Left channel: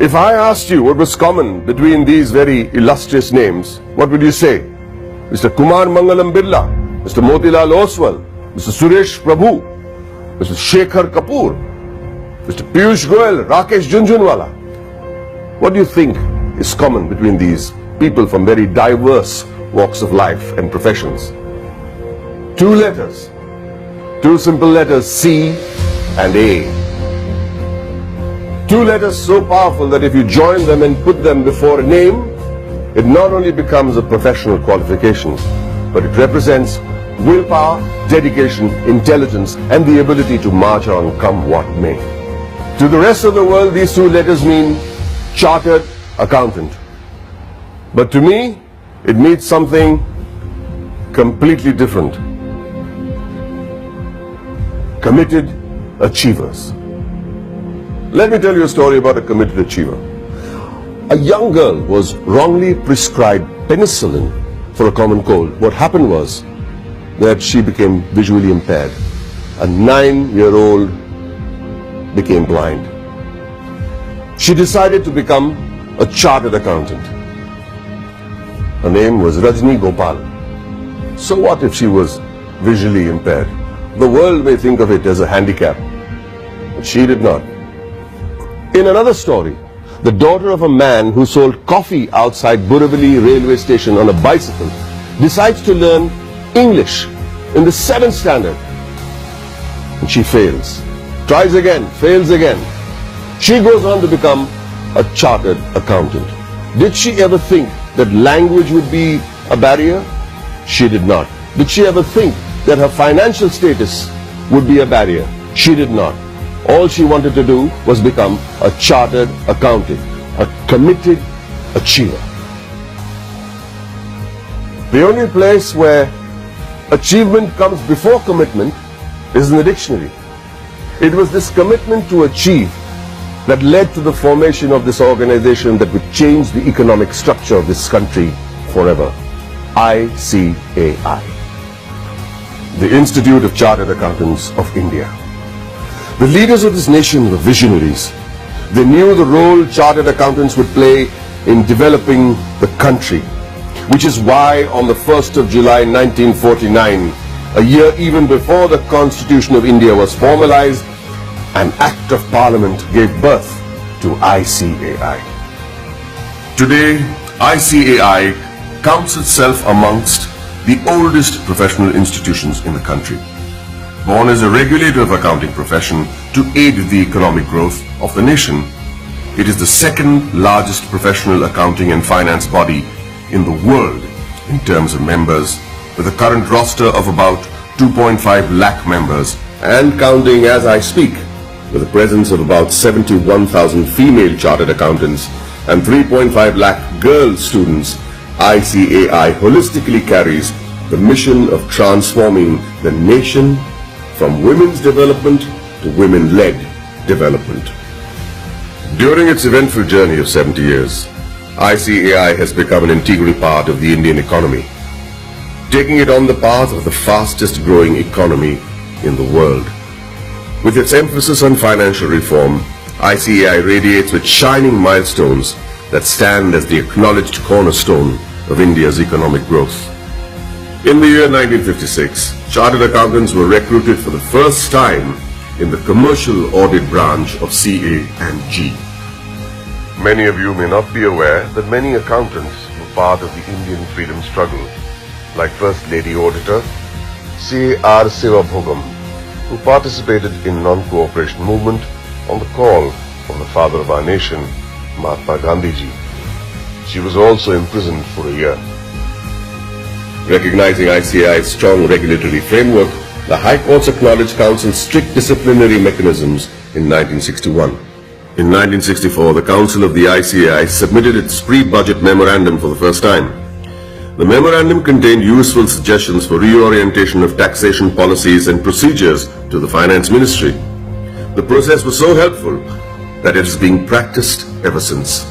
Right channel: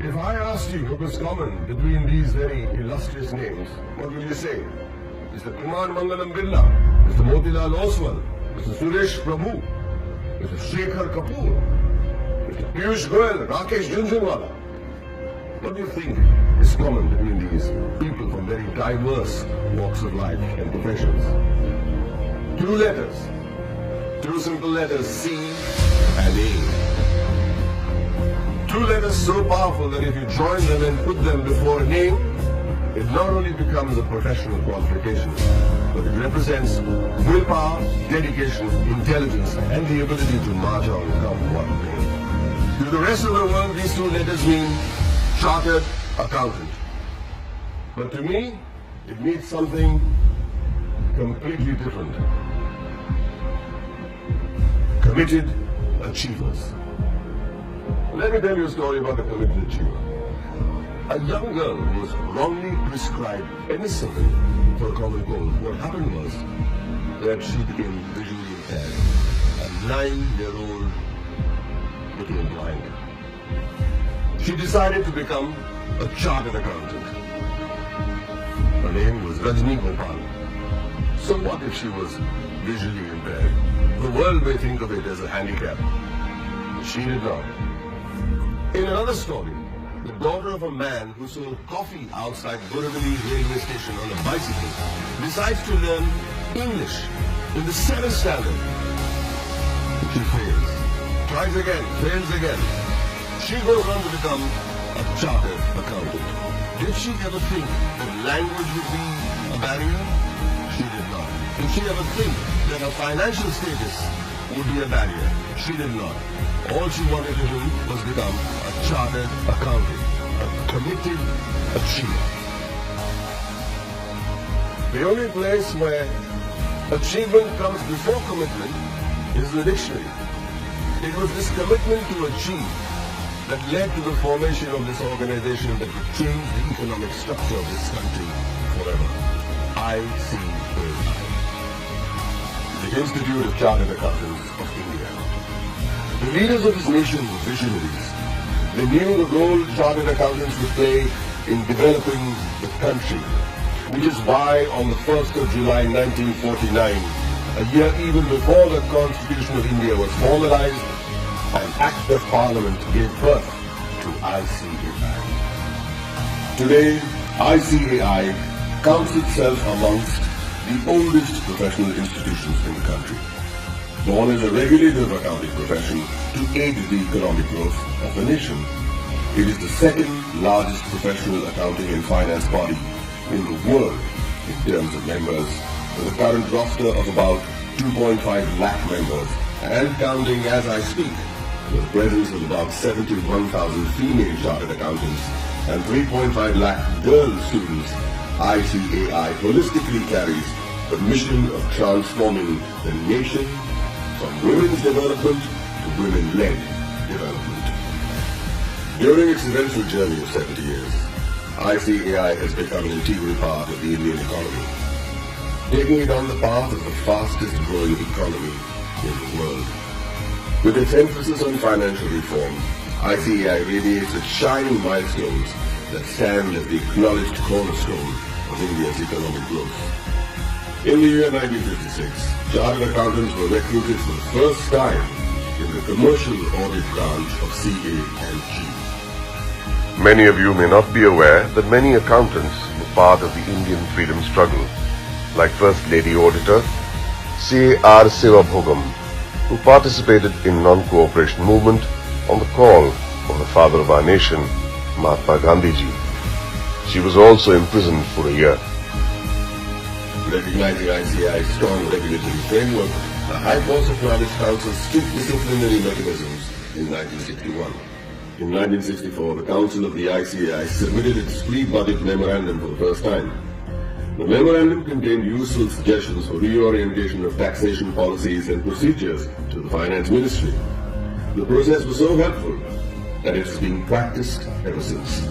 If I asked you what was common between these very illustrious names, what would you say? Mr. Kumar Mangalam Birla, Mr. Motilal Oswal, Mr. Suresh Prabhu, Mr. Shekhar Kapoor, Mr. Piyush Goyal, Rakesh Jhunjhunwala. What do you think is common between these people from very diverse walks of life and professions? Two letters, two simple letters, C and A. Two letters so powerful that if you join them and put them before a name, it not only becomes a professional qualification, but it represents willpower, dedication, intelligence, and the ability to march on come what may. To the rest of the world, these two letters mean chartered accountant. But to me, it means something completely different. Committed achievers. Let me tell you a story about a committed achiever. A young girl was wrongly prescribed penicillin for a common cold. What happened was that she became visually impaired. A 9-year-old became blind. She decided to become a chartered accountant. Her name was Rajni Gopal. So what if she was visually impaired? The world may think of it as a handicap, but she did not. In another story, the daughter of a man who sold coffee outside Borivali railway station on a bicycle decides to learn English in the 7th standard. And she fails. Tries again, fails again. She goes on to become a chartered accountant. Did she ever think that language would be a barrier? She did not. Did she ever think that her financial status would be a barrier? She did not. All she wanted to do was become a chartered accountant, a committed achiever. The only place where achievement comes before commitment is in the dictionary. It was this commitment to achieve that led to the formation of this organization that would change the economic structure of this country forever. ICAI, the Institute of Chartered Accountants of India. The leaders of this nation were visionaries. They knew the role chartered accountants would play in developing the country, which is why on the 1st of July 1949, a year even before the Constitution of India was formalized, an Act of Parliament gave birth to ICAI. Today, ICAI counts itself amongst the oldest professional institutions in the country. Born as a regulator of accounting profession to aid the economic growth of the nation, it is the second largest professional accounting and finance body in the world in terms of members, with a current roster of about 2.5 lakh members and counting as I speak, with a presence of about 71,000 female chartered accountants and 3.5 lakh girl students. ICAI holistically carries the mission of transforming the nation from women's development to women-led development. During its eventful journey of 70 years, ICAI has become an integral part of the Indian economy, taking it on the path of the fastest growing economy in the world. With its emphasis on financial reform, ICAI radiates with shining milestones that stand as the acknowledged cornerstone of India's economic growth. In the year 1956, chartered accountants were recruited for the first time in the commercial audit branch of CA and G. Many of you may not be aware that many accountants were part of the Indian freedom struggle, like First Lady Auditor C.R. Sivabhogam, who participated in non-cooperation movement on the call of the father of our nation, Mahatma Gandhiji. She was also imprisoned for a year. Recognizing ICAI's strong regulatory framework, the High Courts acknowledged Council's strict disciplinary mechanisms in 1961. In 1964, the Council of the ICAI submitted its pre-budget memorandum for the first time. The memorandum contained useful suggestions for reorientation of taxation policies and procedures to the Finance Ministry. The process was so helpful that it is being practiced ever since.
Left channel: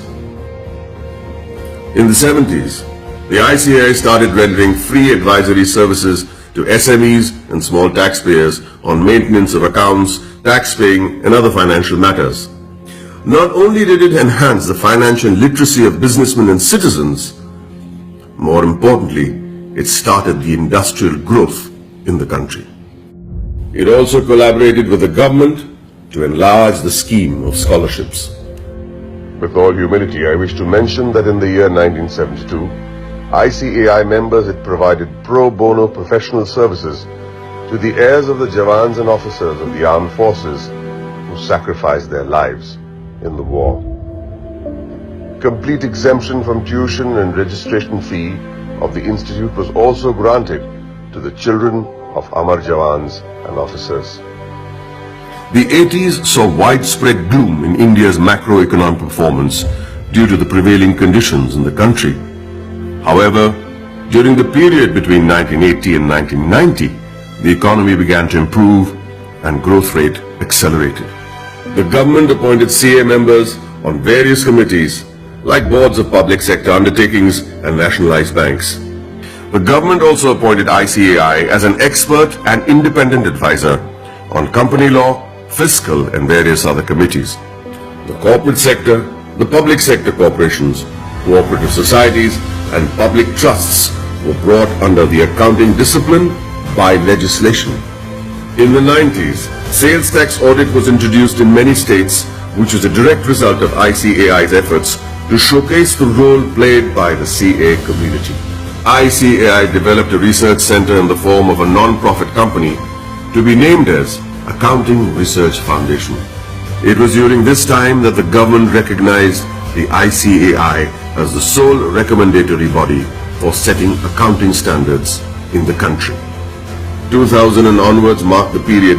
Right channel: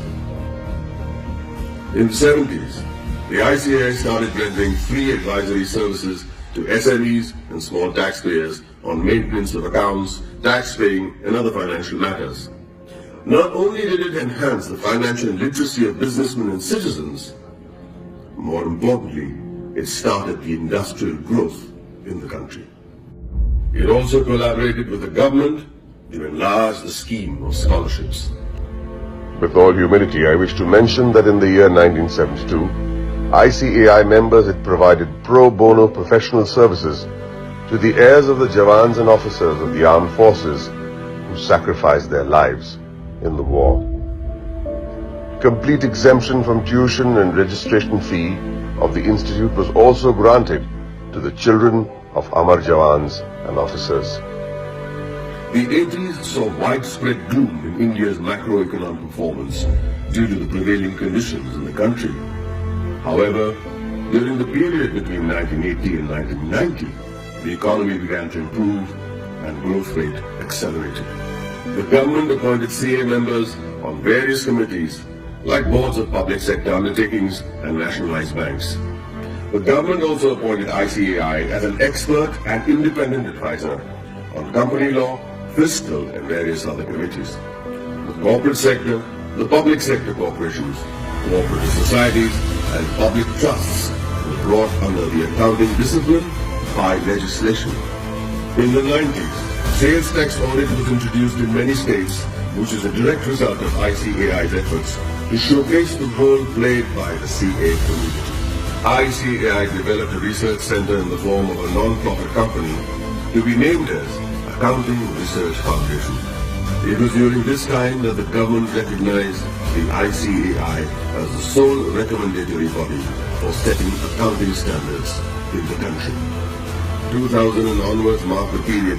In the 70s, the ICAI started rendering free advisory services to SMEs and small taxpayers on maintenance of accounts, tax paying and other financial matters. Not only did it enhance the financial literacy of businessmen and citizens, more importantly, it started the industrial growth in the country. It also collaborated with the government to enlarge the scheme of scholarships. With all humility, I wish to mention that in the year 1972, ICAI members had provided pro bono professional services to the heirs of the Jawans and officers of the armed forces who sacrificed their lives in the war. Complete exemption from tuition and registration fee of the institute was also granted to the children of Amar Jawans and officers. The 80s saw widespread gloom in India's macroeconomic performance due to the prevailing conditions in the country. However, during the period between 1980 and 1990, the economy began to improve and growth rate accelerated. The government appointed CA members on various committees like boards of public sector undertakings and nationalized banks. The government also appointed ICAI as an expert and independent advisor on company law, fiscal and various other committees. The corporate sector, the public sector corporations, cooperative societies and public trusts were brought under the accounting discipline by legislation. In the 90s, sales tax audit was introduced in many states, which was a direct result of ICAI's efforts to showcase the role played by the CA community. ICAI developed a research center in the form of a non-profit company to be named as Accounting Research Foundation. It was during this time that the government recognized the ICAI as the sole recommendatory body for setting accounting standards in the country. 2000 and onwards marked the period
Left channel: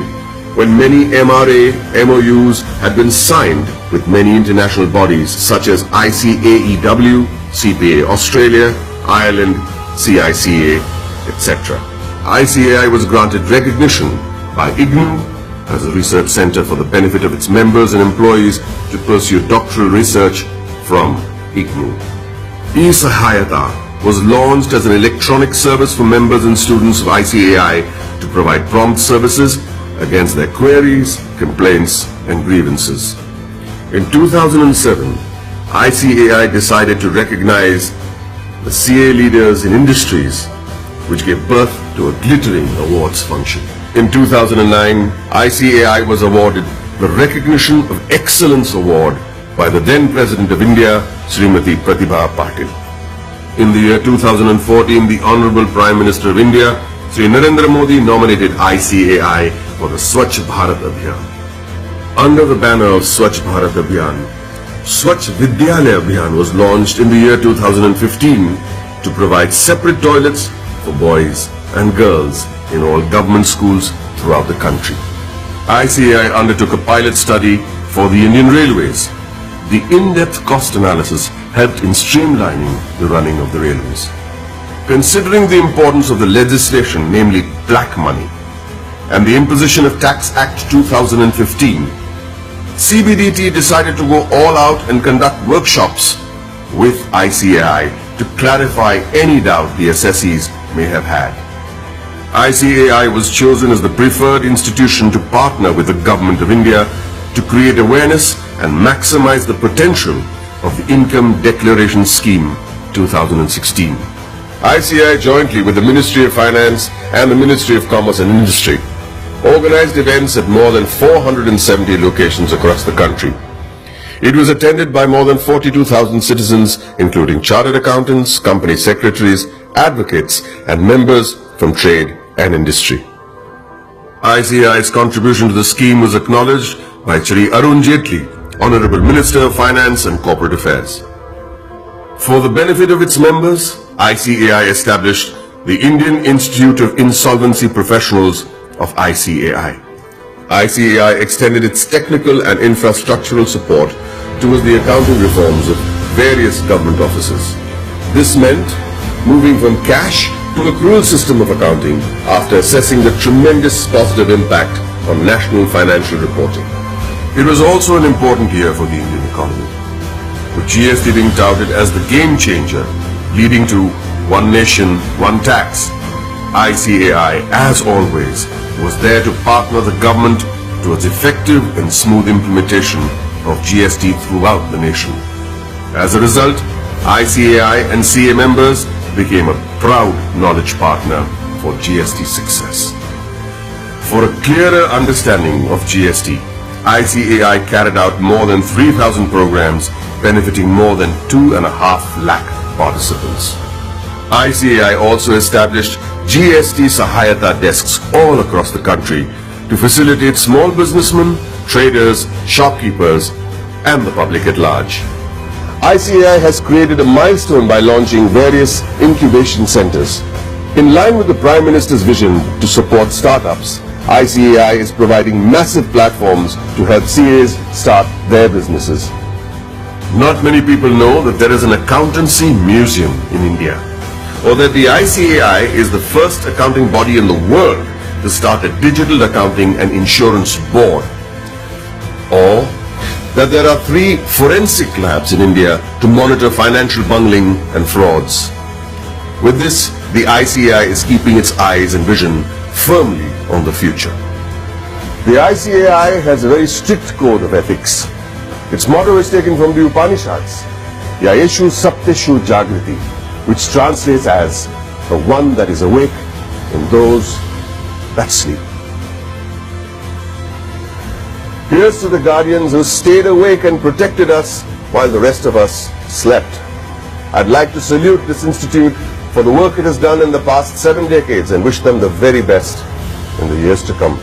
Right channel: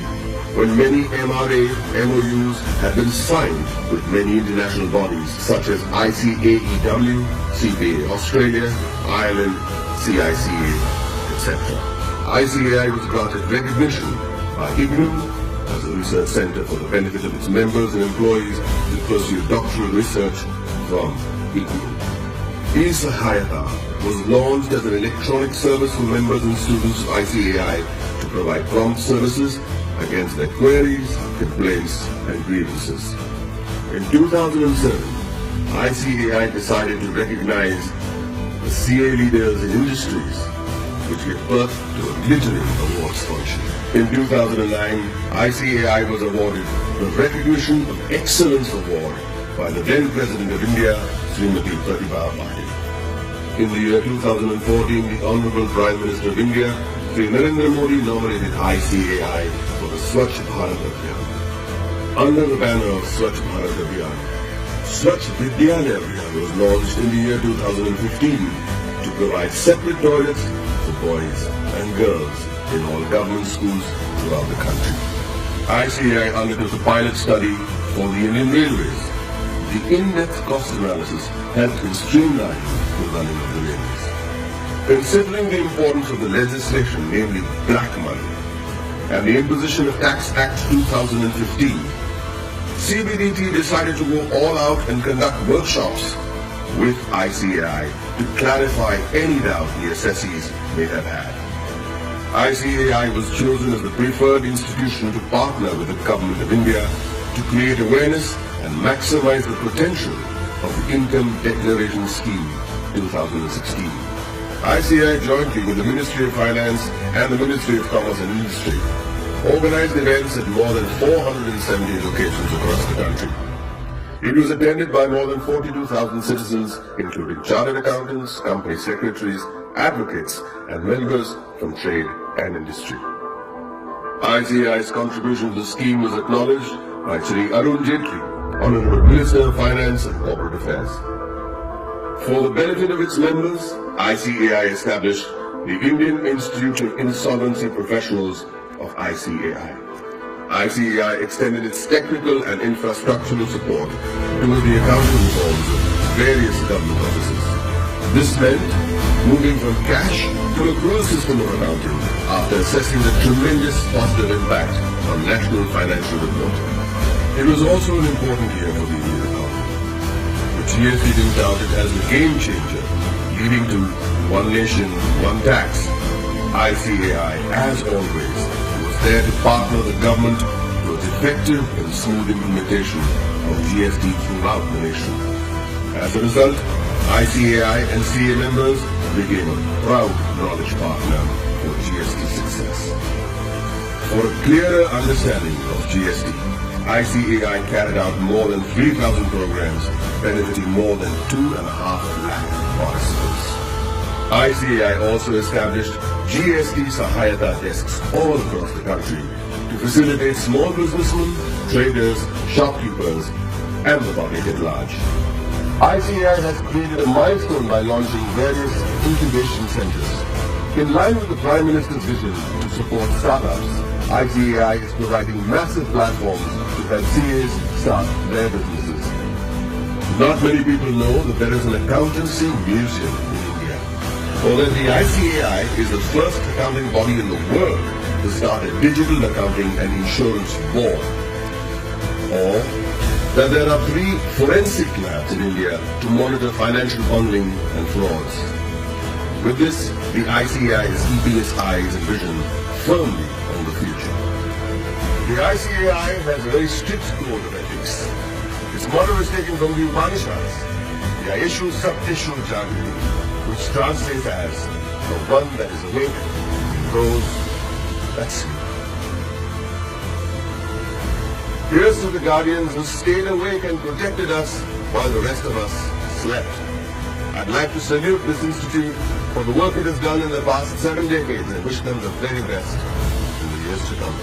when many MRA MOUs had been signed with many international bodies such as ICAEW, CPA Australia, Ireland, CICA, etc. ICAI was granted recognition by ICNU as a research center for the benefit of its members and employees to pursue doctoral research from ICNU. eSahayata was launched as an electronic service for members and students of ICAI to provide prompt services against their queries, complaints and grievances. In 2007, ICAI decided to recognize the CA leaders in industries, which gave birth to a glittering awards function. In 2009, ICAI was awarded the Recognition of Excellence Award by the then President of India, Srimati Pratibha Patil. In the year 2014, the Honorable Prime Minister of India, Sri Narendra Modi, nominated ICAI for the Swachh Bharat Abhiyan. Under the banner of Swachh Bharat Abhiyan, Swachh Vidyalaya Abhiyan was launched in the year 2015 to provide separate toilets for boys and girls in all government schools throughout the country. ICAI undertook a pilot study for the Indian Railways. The in-depth cost analysis helped in streamlining the running of the railways. Considering the importance of the legislation, namely black money, and the imposition of Tax Act 2015, CBDT decided to go all out and conduct workshops with ICAI to clarify any doubt the assessees may have had. ICAI was chosen as the preferred institution to partner with the Government of India to create awareness and maximize the potential of the Income Declaration Scheme 2016. ICAI, jointly with the Ministry of Finance and the Ministry of Commerce and Industry, organized events at more than 470 locations across the country. It was attended by more than 42,000 citizens, including chartered accountants, company secretaries, advocates, and members from trade and industry. ICAI's contribution to the scheme was acknowledged by Shri Arun Jaitley, Honorable Minister of Finance and Corporate Affairs. For the benefit of its members, ICAI established the Indian Institute of Insolvency Professionals of ICAI. ICAI extended its technical and infrastructural support towards the accounting reforms of various government offices. This meant moving from cash to accrual system of accounting after assessing the tremendous positive impact on national financial reporting. It was also an important year for the Indian economy, with GST being touted as the game changer, leading to one nation, one tax. ICAI, as always, was there to partner the government towards effective and smooth implementation of GST throughout the nation. As a result, ICAI and CA members became a proud knowledge partner for GST success. For a clearer understanding of GST, ICAI carried out more than 3,000 programs benefiting more than 2.5 lakh participants. ICAI also established GST Sahayata desks all across the country to facilitate small businessmen, traders, shopkeepers, and the public at large. ICAI has created a milestone by launching various incubation centers. In line with the Prime Minister's vision to support startups, ICAI is providing massive platforms to help CAs start their businesses. Not many people know that there is an accountancy museum in India, or that the ICAI is the first accounting body in the world to start a digital accounting and insurance board, or that there are 3 forensic labs in India to monitor financial bungling and frauds. With this, the ICAI is keeping its eyes and vision firmly on the future. The ICAI has a very strict code of ethics. Its motto is taken from the Upanishads, Yayeshu Sapteshu Jagriti, which translates as the one that is awake in those that sleep. Here's to the guardians who stayed awake and protected us while the rest of us slept. I'd like to salute this institute for the work it has done in the past 7 decades and wish them the very best in the years to come.